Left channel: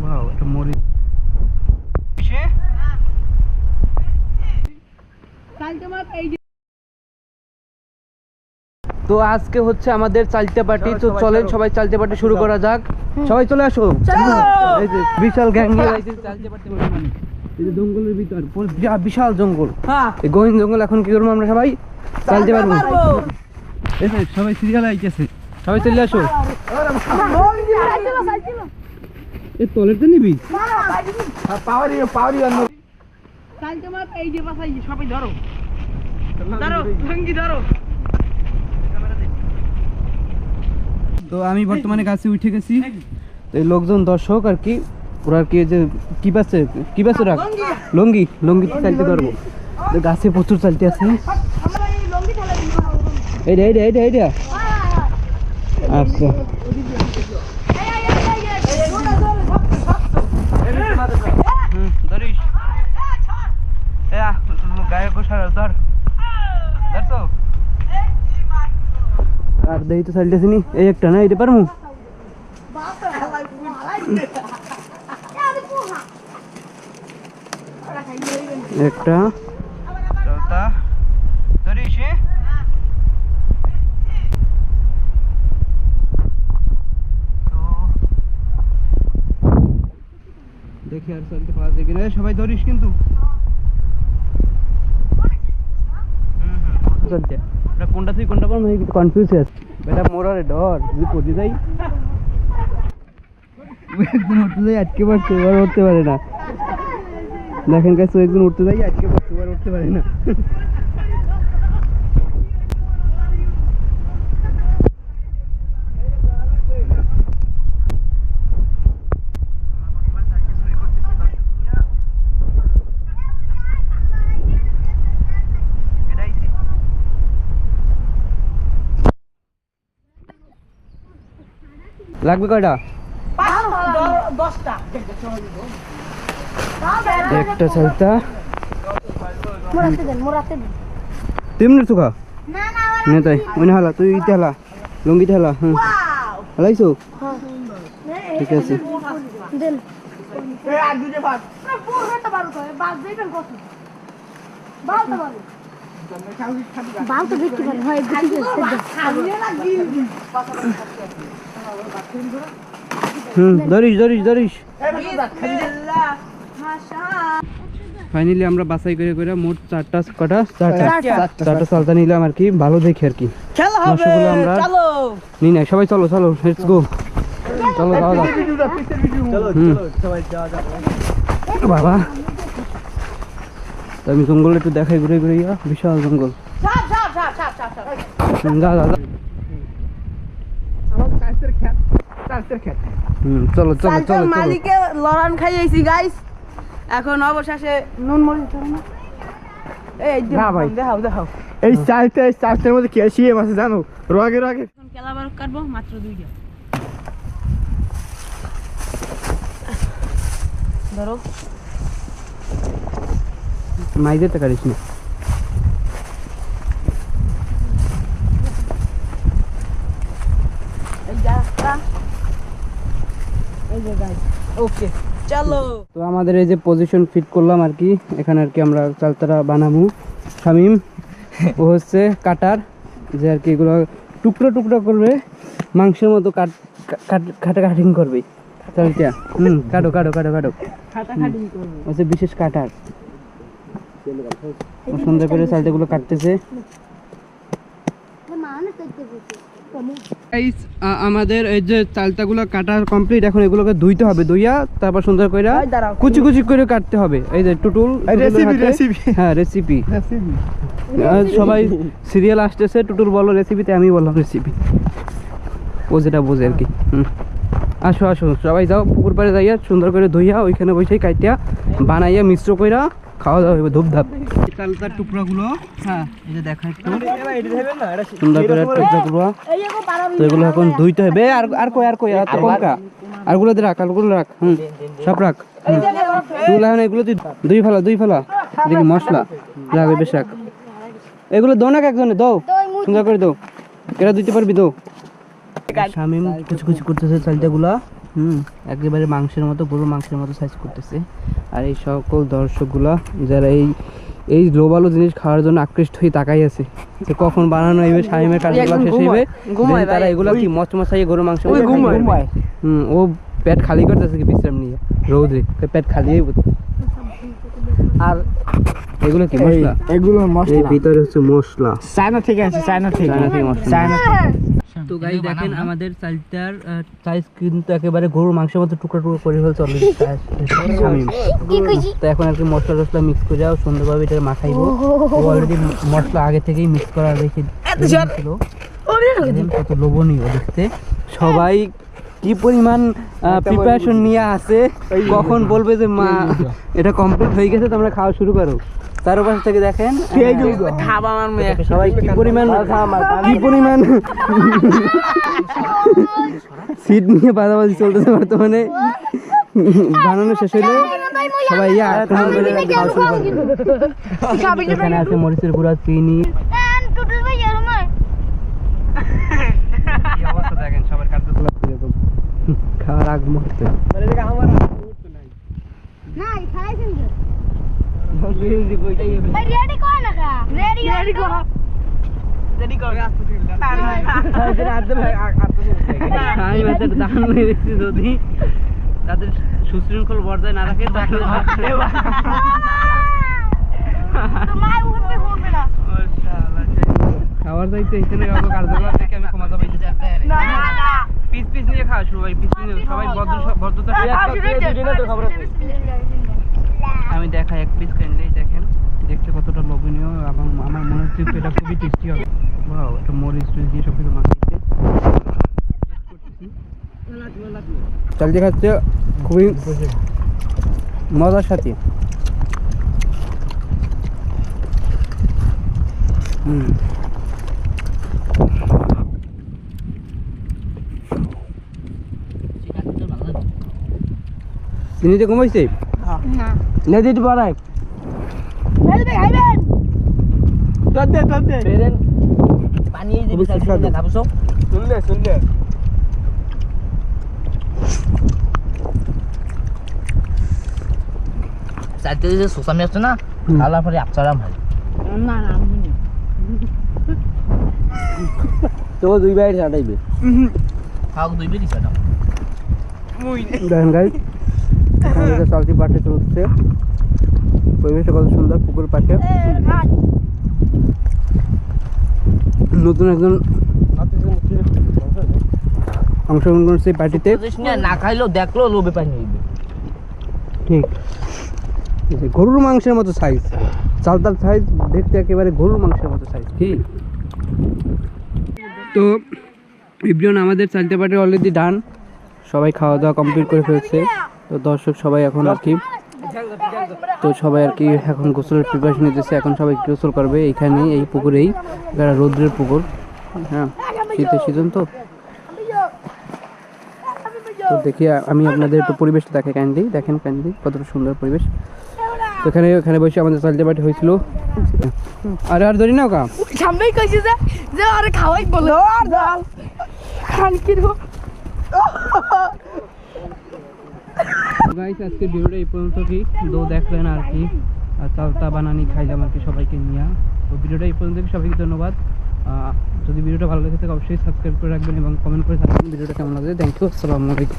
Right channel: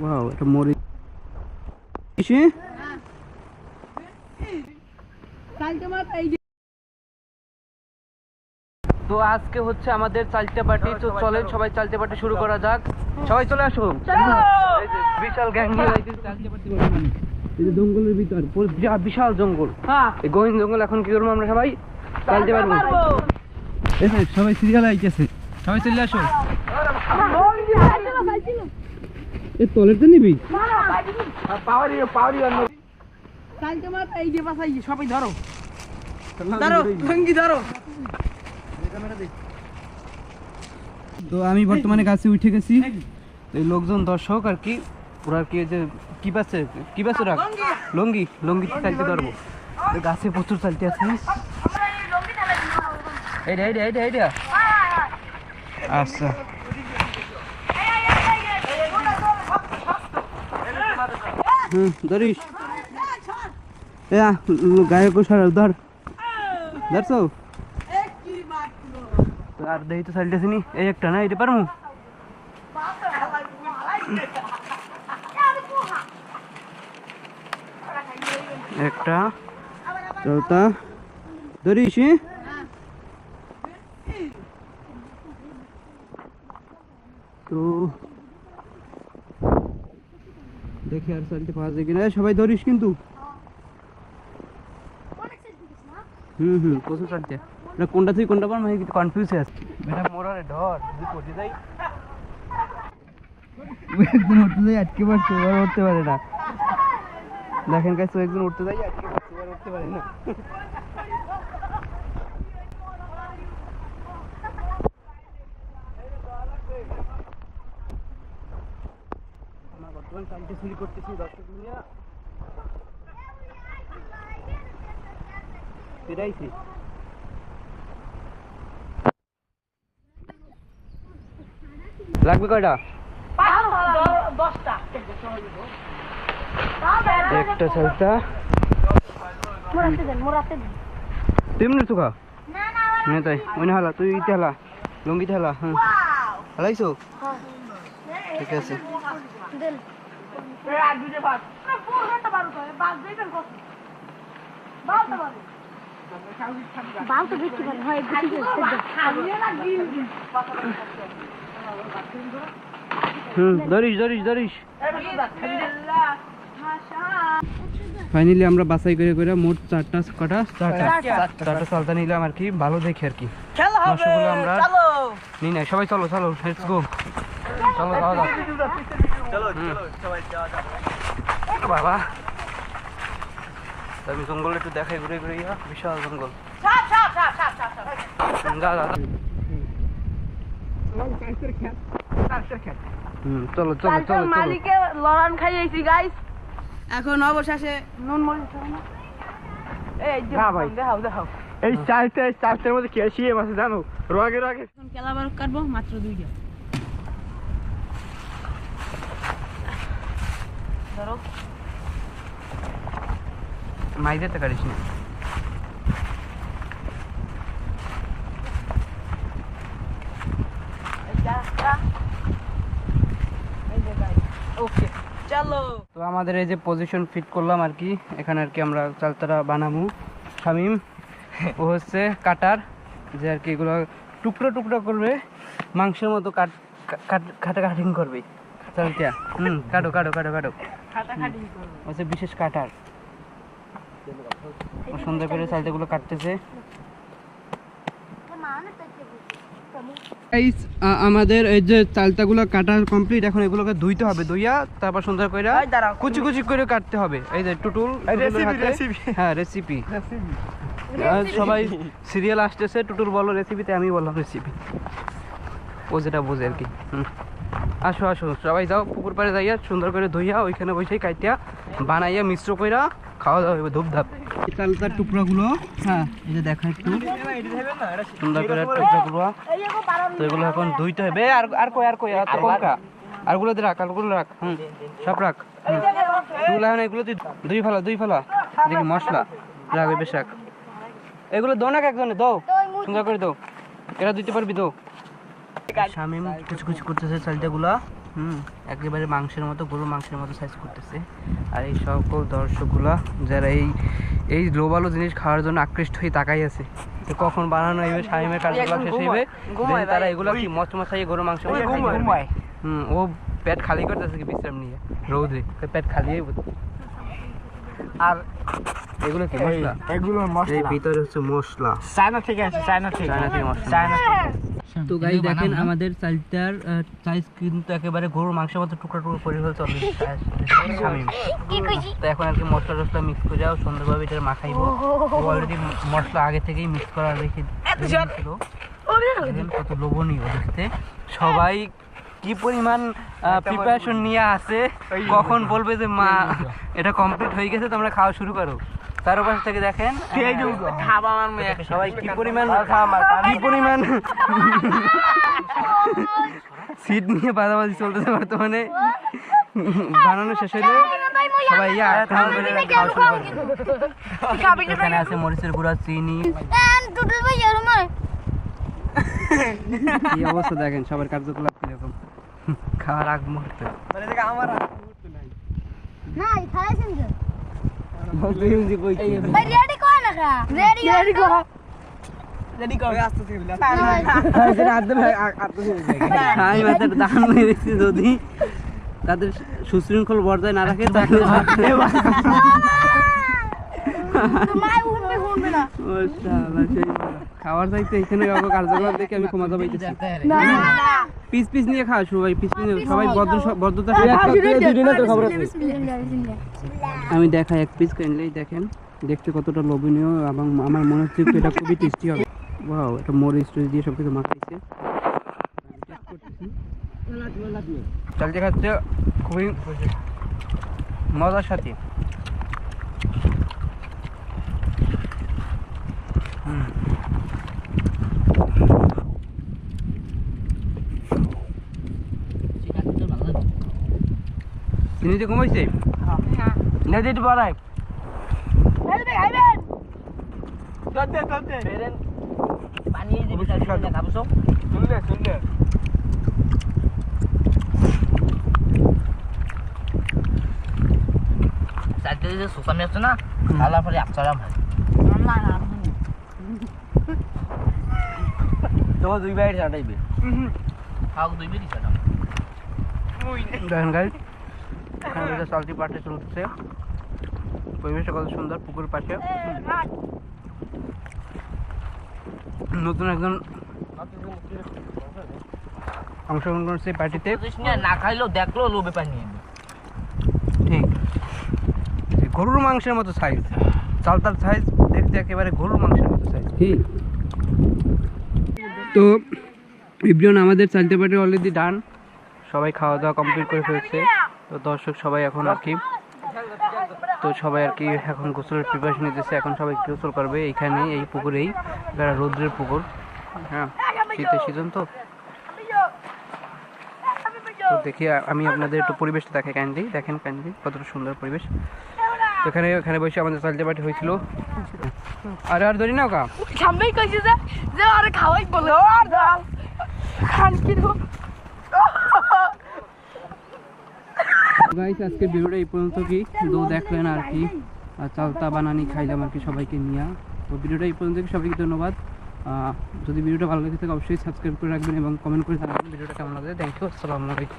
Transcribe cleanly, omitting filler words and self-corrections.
Wow এটা মরিচ এসে তো আজকে হচ্ছে আমাদের চালতে পার্টি। তো চলেন সবাই চালতে পার্টি শুরু করা যাক। সবাই চলে আসো। এই যে বিশাল গ্যাং নিয়ে চালতে পার্টি করব আমি। এই যে জঙ্গলের ভিতর বিশাল জঙ্গল, এই গহীন জঙ্গল। এখন কি করবো আমরা? সবাই চালতে পারবো। এই যে সবাই সিরিয়াল আইতেছে, সবাই চলে আসো। এই তলেরটা নিবি? সবাই ধরো ধরো লঙ্গি ধরো। তো আমি বর্তমানে গাছে উঠে গেছি। এই লোকজন দর্শক আর কি, ওরা আর কি যে কি পাচ্ছে ওরা লঙ্গি চালতে ধরবো। গাছে প্রচুর চালতে আছে। এইটা আচ্ছা ধরিস গায়ে কোষার ধর ধরছো। আর দেই তো চালতেছি নি। এই একটা না, এটা পারমু। একটা চৌথা ধরিস। তো দেখি আর চালতে পাওয়া যায় কিনা। সবাই ধরিস কিন্তু। প্রচুর চালতে। কোনটা থেকে কোনটা পারবো কনফিউজ আছে বেটা। মোরারে ডর যদি পড়ে যাই। একজন উঠতে যাই আটকে পড়ছে, এবার উঠতে পারে না। দেখেন কাছে একজন উঠতে যাই আটকে পড়ছে, এবার উঠতে পারে না। লাগবে কয়টা? একটা চালতা তেমনি চুকা নে তাই ওই হালা তুই ইতে হালা লঙ্গিতে হালা। হ্যাঁ হালাইছো? ঠিক আছে। ধরিস। ফাইনালি আমরা বাছাই করে মোট চারটা চালতা নিলাম আর কি, ভালো দেখি আর কি। মাংসগুলো আমরা নিই নাই। সবাই চলো লেটস গো। চলো যাওয়া যাক। বাবা আমি জঙ্গল একটু দেখাই ঘুরে বিশাল জঙ্গল। চলো মালিকে লড়ান খাইয়েছি গাইস। এখন অবশেষে নুন মরিচ দেখাও। এই চারটার মধ্যে ক্যালসিয়াম আছে জানো। রগে এখন কেলাবার কাটবো মাত্র 2টা। ধরো মাইদেরটা কাটিস না। ওকে চলো। তো আমাদের এই যে পজিশন ফিট করলাম আর কি, এখানে আর কি আমরা চালতারা বানাবো। শামিম ও হচ্ছে কাটার, যে আর কি এগুলো টুকরো করবে, মাংসের মতো কাটিং করবে চালটা। কাটো হচ্ছে বিশেষ কাটার। সুন্দর করে চালটাগুলো কাটতেছে। আমাদের এই যে চালতাগুলো কাটা কমপ্লিট। এখন এগুলোকে ধুইতে হবে, ধুইয়া তারপর সুন্দর করে কুচি করে কাটতে হবে। এই যে টুটুল হ্যাঁ রেসিপি। সবাই সিরিয়াল আসতেছে, টুটুল বলো রেসিপিতে, আমি বললাম রেসিপি। ও যেটা বোঝে আর কি। আসো সবাই যাও পুকুর পাড়ে যাইয়া সুন্দর করে ধুইয়া ওইখানে বসেই কাটিয়া বানাইয়া মিশ্র কইরা খাওয়া দাওয়া হবে ধূপধাপ। চালতার টুকরাগুলো হ্যাঁ এই যে দেখা একটু সুন্দর করে টুকরাগুলো। তো এগুলো এখন ধুইতে হবে। আর কই আরগুলো রাখ সব রাখ। এগুলো তুই দুই ফেলা দেখি মশলা রাখ, বেশ রাখ। এগুলো দো না একজনে দো, সুন্দর করে দো। এরা দিতে পারবি দো। শামিম কুচি করতেছে চালটাগুলা। একেবারে মাংসের মতো, গরুর মাংসের মতো সাইজ করতেছে। আর এই সকল দর্শকগুলা যারা এই লোবালো জিনিস খাওয়ার জন্য আকৃষ্ট হয়ে তাকাই আছে যে কখন বানানো হইবে, শামিমের কাজগুলো শেষ হইবে, then তারা এগুলো কি মচমচাইয়ে গরুর মাংস ও পেট খালি করতেছে কি বিশ্রাম নিয়ে রোদে, পেট খালি হইব। আর এগুলো কি মশলা? এগুলো মশলা, এর ভিতরে হচ্ছে মশলা, চায়না থেকে আছে, চায়না থেকে মশলা। চায়না থেকে। তো গাইস দেখেন আমাদের চালটার সাইজ কিন্তু একেবারে গরুর মাংসের মতো টুকরা টুকরা করে ফেলছে অলরেডি শামিম। তো এখন আর কি মশলা টসলা মিক্স করে যাও সুন্দরভাবে এটা মাখাইবো। ও অলরেডি মশলা আগে থেকেই মিক্স করা রেখে দিয়েছিল। দেখেন কত লোভনীয় দেখতে, সবাই কি পরিমাণ প্রিপারেশন নিয়ে আছে, কখন বলবে যে মা এটা কমপ্লিট হয়ে গেছে তোমরা খাওয়া শুরু করো। তার পাশ থেকে দেখেন সবাই কি পরিমাণ সিট নিয়ে বাদাবাদি চলতেছে বর্তমানে। বানানো শেষ হইলে সবাই আক্রমণ করে খাওয়া শুরু করবে। এখানে আছে মরিচের গুঁড়া, চিনি। এই অবস্থা দেখেন সবার কার্যকলাপ কিরকম খাওয়ার আগ মুহূর্তে। যদি তাদের সুশৃঙ্খল বজায় না রাখে তাহলে খাওয়ার চাইতে এখানে কার্যকলাপ দেখে আমি ক্ষমা পাইতেছি। পিস পিস নিয়ে খাওয়া সবাই, পিস পিস সবাই ভদ্রতা। আমি দেখাই এক পিস কিনলেই দেখেন দেখতে কতটা লোভনীয় এবং আমার মনে হচ্ছে এটা খুবই টেস্টি হবে। ওয়াও, এটা মরিচ টরিচ দিয়ে সব কিছু মাখাইছে। চালতে খাচ্ছে খুবই মজার সাথে। চিনিতে কমাইছে না দিতে পারায় সুসামি আছে না খাওয়ার পরে আপসারাম হয় তো দুই বাইর ছাড়াইবে খাও দুই বেরি ছাড়াও। দেখেন গাইস চালতি পাটে চলছে, পরিবেশটা কত সুন্দর, পুকুর পাশে। নতুন একজন অংশগ্রহণ করছে পার্টিতে, না খাইলেও দেখলো লোভে পানি নিবে। ঠিক গরুর মাংসের মতো সাইজ, চালতার সাইজ দেখতে একেবারে গরুর মাংসের মতো সাইজ। ঠিক তো ইব্রিয়ন আমাদের চালতে পার্টি অলরেডি ডান, সবাই খাওয়া দাওয়া কমপ্লিট করে ফেলছে। তো দর্শক সবাই এখন আর কি এখন গোসলের প্রিপারেশন নিতেছে। এখন সবাই গোসল করবে এইখানে, এই পুকুরেই, রৌদ্রের পুকুর। হ্যাঁ, শীতের সিজন তো দেখি আমি আপনাদের একটু পরিবেশটা দেখাই কাইন্ডলি। দেখেন কাইন্ডলি কতটা সুন্দর পরিবেশ। এখানে বসে আমাদের চালতে পার্টি হয়েছিল। আরে আর ধরি না কা সামনেই কইছি যে আরে খাওয়াই বলে খান কি গাইস আজকের ভিডিওটা এই পর্যন্ত কি দো দেখলেন আর কি, চালতা বানানি খাইলাম আর কি সবাইকে নিয়ে। তো ভিডিওটা এই পর্যন্ত সবাইকে ধন্যবাদ। যদি ভিডিওটা ভালো লেগে থাকে অবশ্যই সাবস্ক্রাইব করে রাখবেন এবং কমেন্ট করে জানাবেন ভিডিওটা কেমন লাগছে। থ্যাংক ইউ, আসসালামু আলাইকুম।